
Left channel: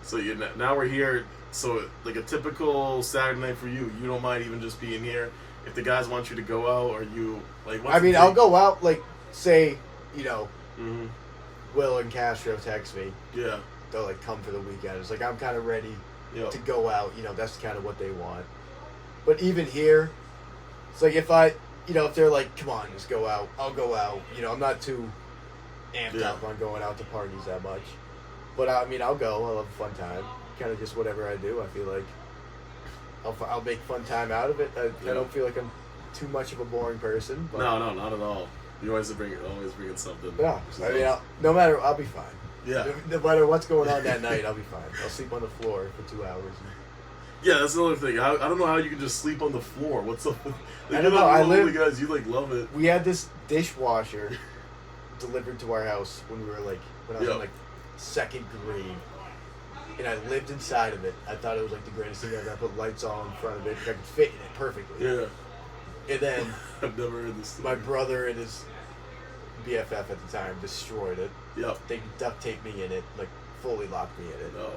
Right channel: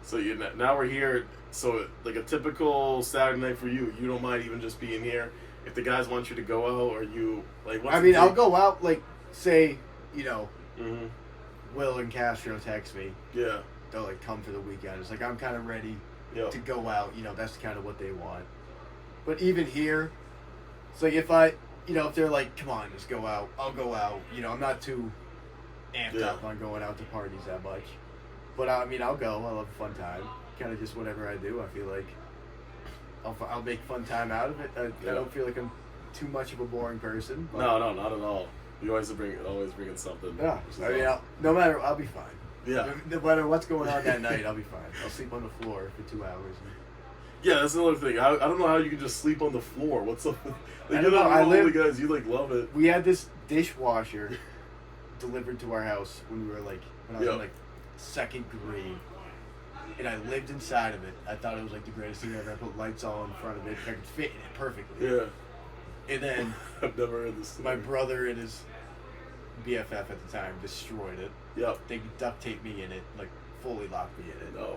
So now we're here. So like a typical Saturday night for you, you don't mind even just being here. If the guys want you to go out, or you like? I mean, I'll go out. Like, say, you know, Will and Castro text me. Yeah. They'll like come for the weekend. It's like I'm kind of ready to go out. You know, that's kind of what they want. But even here, it's like if they're like, come on, just go out, I'll go out. You know, I'm not too amped up on going out to parties that much. But I mean, I'll go. I'll have a fun time. Kind of just whatever I do, I feel like I'll make fun time out of it. I don't feel like I'm too much of a boring person. But no, not at all. You always bring in something. Yeah, I mean, no matter, I'll be fine. Yeah. No matter what's going on that night, I'll be fine. I'll sleep on the floor for 2 hours. Yeah, that's another thing. I don't know how you can just sleep on the floor. What's up? Like, I don't know. Guys, you like love it. We had this dishwasher delivered to our house when I was in like 2nd grade. And I lived inside of it. I thought it was like the greatest thing ever. I put lights all in front of it. I could fit in it perfectly. Yeah. And then I've never heard this story. My brother and his BFF at the time destroyed it. Yep. They duct taped me in it, like fully locked me in it. No.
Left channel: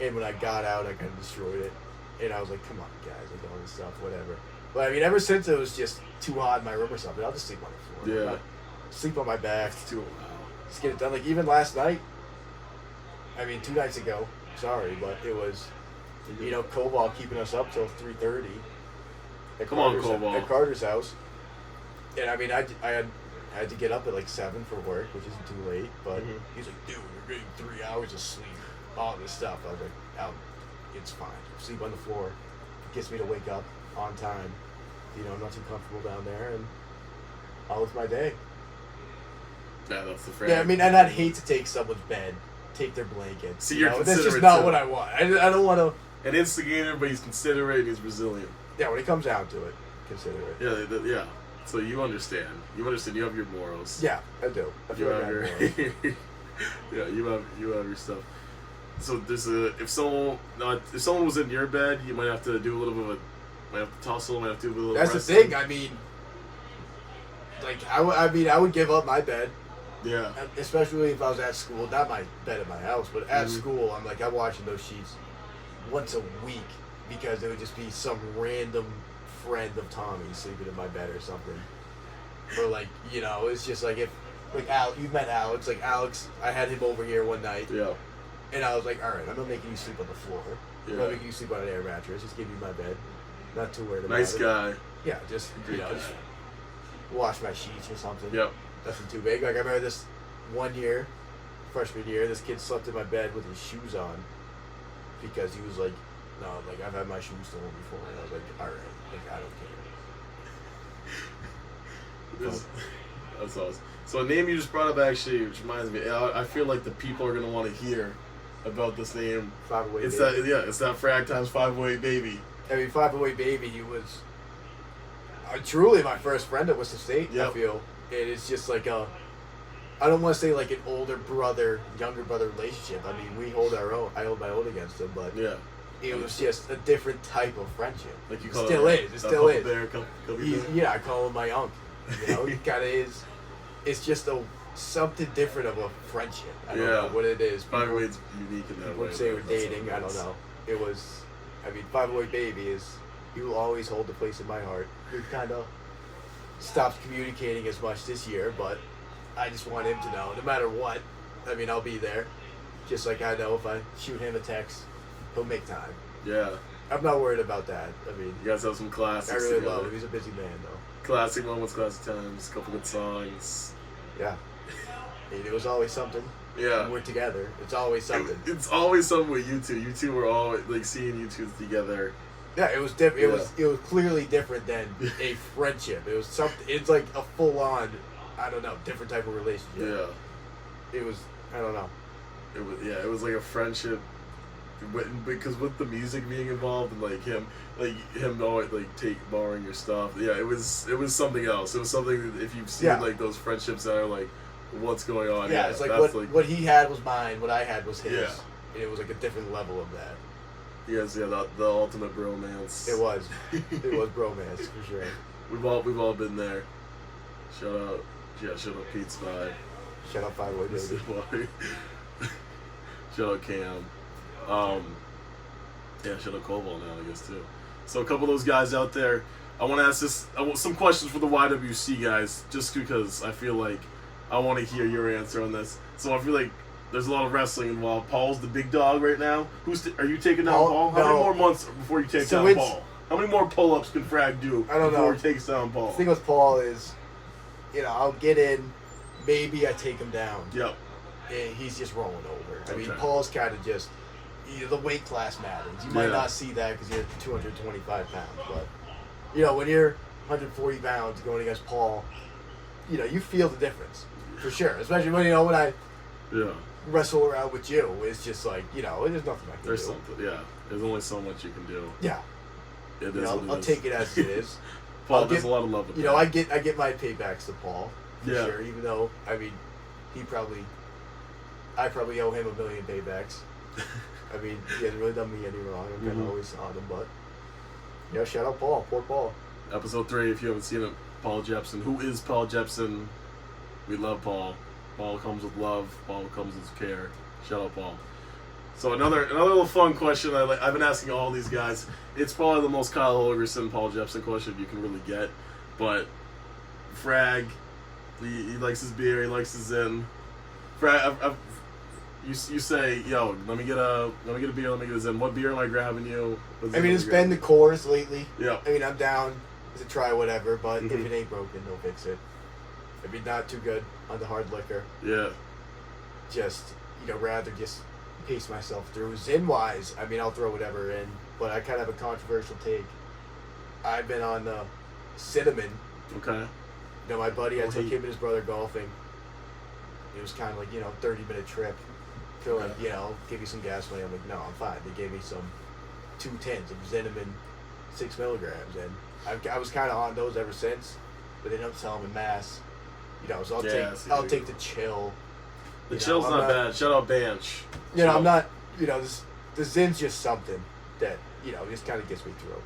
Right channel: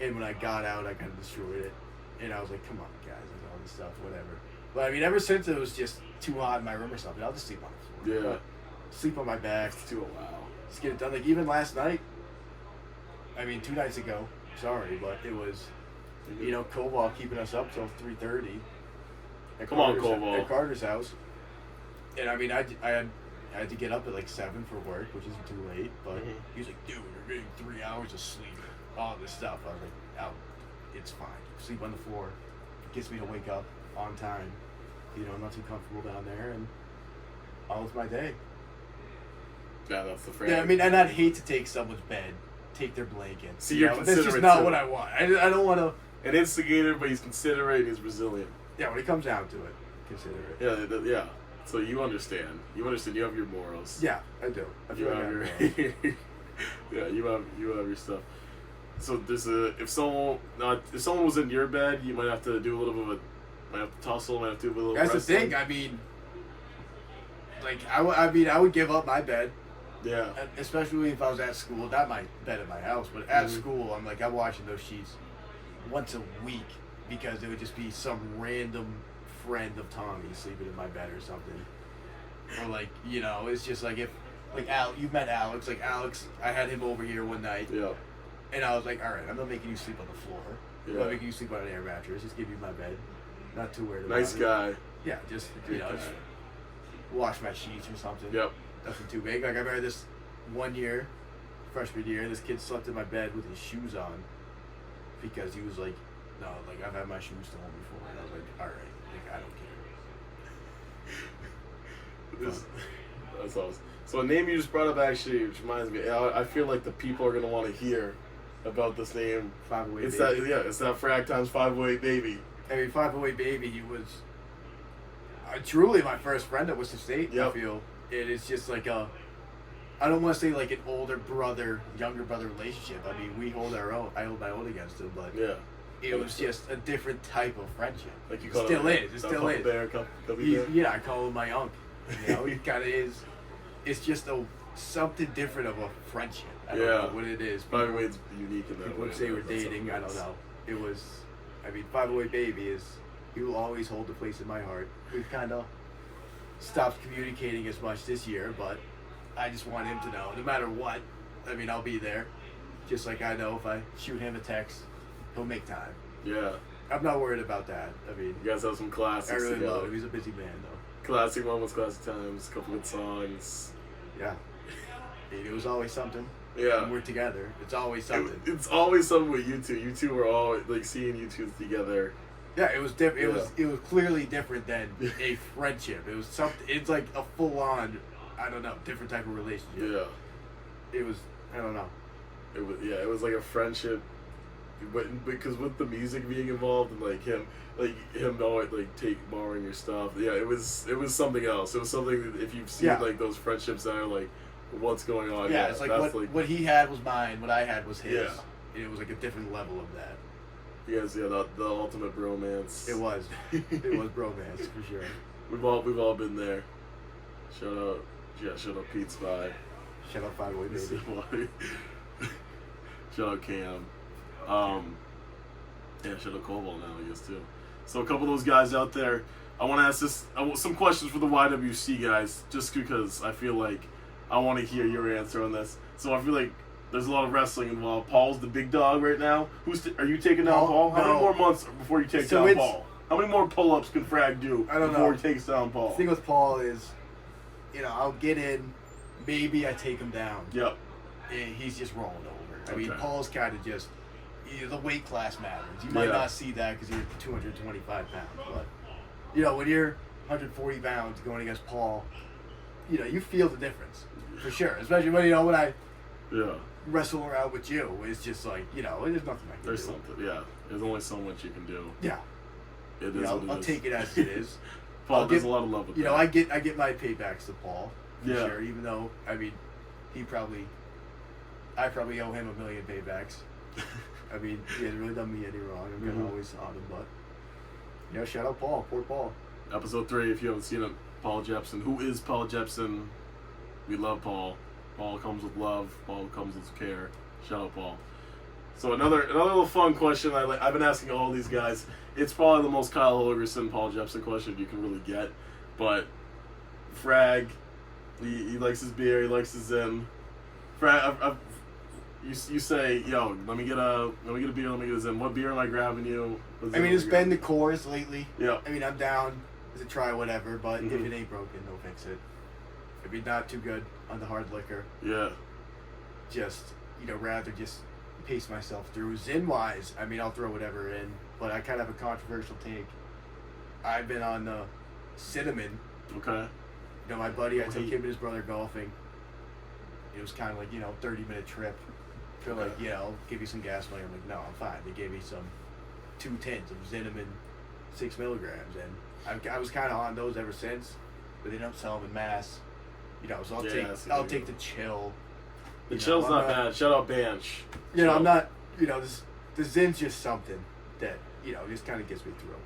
And when I got out, I kind of destroyed it. And I was like, come on, guys, like all this stuff, whatever. But I mean, ever since it was just too hot in my room or something, I'll just sleep on the floor. Yeah. Sleep on my back. It's too wow. Just get it done. Like even last night. I mean, 2 nights ago. Sorry, but it was, you know, Koval keeping us up till 3:30. Come on, Koval. At Carter's house. And I mean, I had to get up at like 7 for work, which isn't too late. But he was like, dude, we're getting 3 hours of sleep. All this stuff. I was like, it's fine. Sleep on the floor. It gets me to wake up on time. You know, I'm not too comfortable down there, and all of my day. Yeah, that's the phrase. Yeah, I mean, and I'd hate to take someone's bed. Take their blankets. See, you're considerate. That's just not what I want. I don't want to. An instigator, but he's considerate. He's resilient. Yeah, when it comes down to it, considerate. Yeah, So you understand. You understand. You have your morals. Yeah, I do. I You feel like have I your. have morals. Yeah, you have your stuff. So there's if someone was in your bed, you might have to do a little bit of might have to tussle, might have to do a little. That's wrestling. the thing. I mean, like I would give up my bed. Yeah. Especially if I was at school, not my bed at my house, but at school, I'm watching those sheets once a week because it would just be some random friend of Tommy's sleeping in my bed or something. Or like, it's just like if you've met Alex, like Alex, I had him over here one night. Yeah. And I was like, all right, I'm not making you sleep on the floor. Yeah. I'm not making you sleep on an air mattress. Just give you my bed. Not too worried about Nice it. guy. Yeah, just just wash my sheets or something. Yep. Nothing too big. Like I remember this one year, freshman year, this kid slept in my bed with his shoes on because he was like, no, like I've had my shoes stolen before. And I was like, all right, like I don't care. That's awesome. So a name you just brought up actually, which reminds me, I feel like the people are gonna want to hear about this name. 508 It's Baby. it's that Frag times 508 Baby. I mean, 508 Baby, he was truly my first friend at Worcester State. Yep. I feel it is just like I don't want to say like an older brother, younger brother relationship. I mean, we hold our own. I hold my own against him, but Yeah. it was just a different type of friendship. Like you call Still it. is. It still is. Bear, Cubby Bear. Yeah, I call him my uncle. He kind of is. It's just something different of a friendship. I don't know what it is. 508's unique in that way. Would say we're That's dating. something I don't else. know. It was. I mean, 508 Baby is. He will always hold a place in my heart. We've kind of stopped communicating as much this year, but I just want him to know, no matter what. I mean, I'll be there. Just like I know if I shoot him a text, he'll make time. Yeah. I'm not worried about that. I mean, You guys have some classics I really together. love him. He's a busy man, though. Classic moments, classic times, a couple good songs. Yeah. I mean, it was always something. Yeah. When we're together. It's always something. It's always something with you two. You two were all like seeing you two together. Yeah, it was different. Yeah. It was clearly different than a friendship. It was something. It's like a full on, I don't know, different type of relationship. Yeah. It was. I don't know. It was like a friendship, because with the music being involved and like him always like borrowing your stuff. Yeah, it was something else. It was something that if you've seen like those friendships that are like, what's going on? Yeah, it's like what he had was mine. What I had was his. Yeah. And it was like a different level of that. Yes, the ultimate bromance. It was. It was bromance for sure. We've all been there. Shout out Pete Spy. Shout out 508 Baby. Shout out Cam. Shout out Cobalt now, I guess too. So a couple of those guys out there. I want to ask some questions for the YWC guys, just because I feel like I want to hear your answer on this. So I feel like there's a lot of wrestling involved. Paul's the big dog right now. Are you taking down Paul? How many more months before you take down Paul? How many more pull-ups can Frag do before he takes down Paul? The thing with Paul is, I'll get in, maybe I take him down. Yep. And he's just rolling over. I mean, Okay. Paul's kind of just, the weight class matters. You might not see that because you're 225 pounds, but, when you're 140 pounds going against Paul, you feel the difference, for sure. Especially when I wrestle around with you. It's just like, there's nothing I can do. There's something, yeah. There's only so much you can do. Yeah. It is what it is. I'll take it as it is. Paul does a lot of love with that. I get my paybacks to Paul, for Yeah. sure, even though, I mean, I probably owe him 1 million paybacks. I mean, he hasn't really done me any wrong. I'm kind of always on him, but, shout out Paul. Poor Paul. Episode 3, if you haven't seen it, Paul Jepson. Who is Paul Jepson? We love Paul. Paul comes with love. Paul comes with care. Shout out Paul. So another little fun question I've been asking all these guys. It's probably the most Kyle Holgerson, Paul Jepson question you can really get. But Frag, he likes his beer. He likes his Zin. Frag, you say, yo, let me get a beer. Let me get a Zin. What beer am I grabbing you? I mean, it's been the Coors lately. Yeah. I mean, I'm down to try whatever, but if it ain't broken, they'll fix it. If it's not too good on the hard liquor, Yeah. just, rather just pace myself through. Zin-wise, I mean, I'll throw whatever in, but I kind of have a controversial take. I've been on cinnamon. Okay. My buddy, I took him and his brother golfing. It was kind of like, 30-minute trip. They're like, I'll give you some gasoline. I'm like, no, I'm fine. They gave me some 2 tins of cinnamon, 6 milligrams, and I was kind of on those ever since. but they don't sell them in mass. You know, so I'll take the chill. The chill's not bad. Shout out Banch. You know, I'm not. You know, the Zin's just something that just kind of gets me through.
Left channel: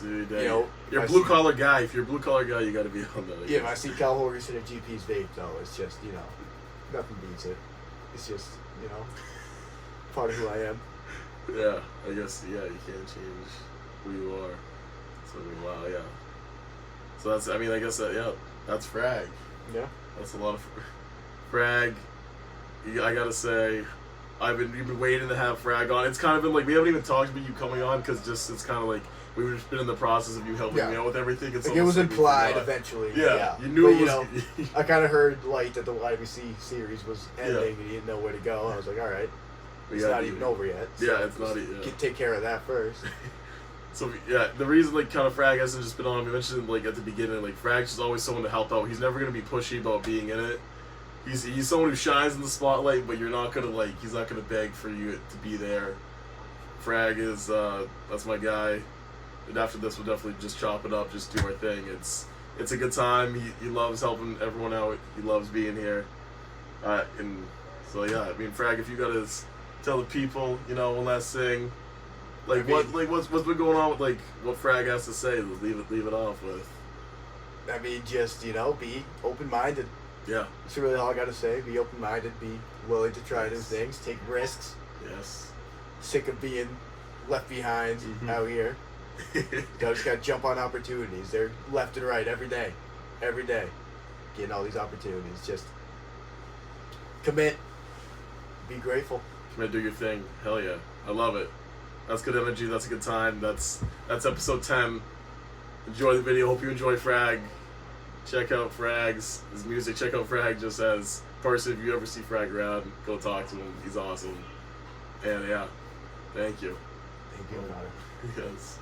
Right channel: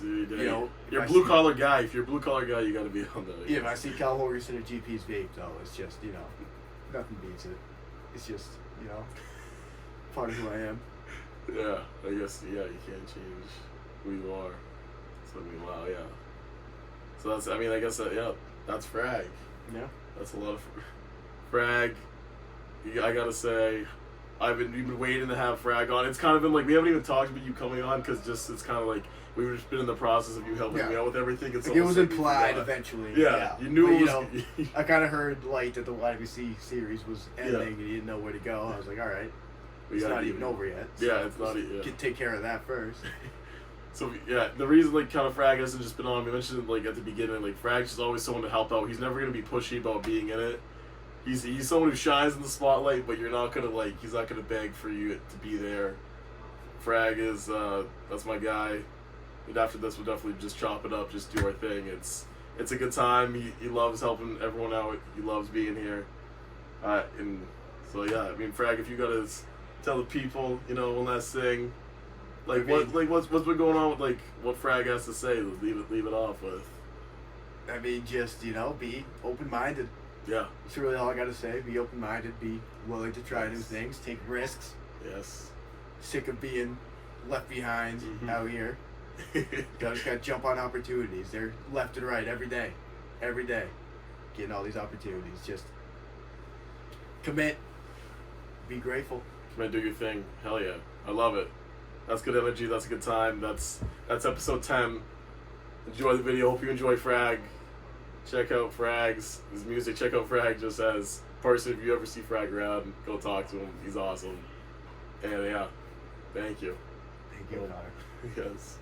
You know, you're a blue collar guy. If you're a blue collar guy, you got to be on that. Yeah, if I see Cal Horgerson at GP's vape, though, it's just nothing beats it. It's just part of who I am. Yeah, I guess you can't change who you are. So wow, yeah. So that's I guess that's FRAG. Yeah, that's a lot of FRAG. I gotta say, you've been waiting to have FRAG on. It's kind of been like we haven't even talked about you coming on because it's kind of like. We've just been in the process of you helping me out with everything. It was implied eventually. Yeah, you knew it was. I kind of heard that the YBC series was ending and you didn't know where to go. I was like, all right, it's not even over yet. So yeah, it's not even. Take care of that first. So the reason kind of FRAG hasn't just been on. We mentioned at the beginning, FRAG's just always someone to help out. He's never gonna be pushy about being in it. He's someone who shines in the spotlight, but you're not gonna he's not gonna beg for you to be there. FRAG is that's my guy. And after this, we'll definitely just chop it up, just do our thing. It's a good time. He loves helping everyone out. He loves being here. And so FRAG, if you gotta tell the people, one last thing, what's been going on with what FRAG has to say, leave it off with. Just be open-minded. Yeah. That's really all I gotta say. Be open-minded. Be willing to try new things. Take risks. Yes. Sick of being left behind out here. Just gotta jump on opportunities. They're left and right every day, getting all these opportunities. Just commit, be grateful. Commit, do your thing. Hell yeah, I love it. That's good energy. That's a good time. That's episode 10. Enjoy the video. Hope you enjoy FRAG. Check out his music. Check out FRAG just as person. If you ever see FRAG around, go talk to him. He's awesome. And thank you. Thank you. Yes.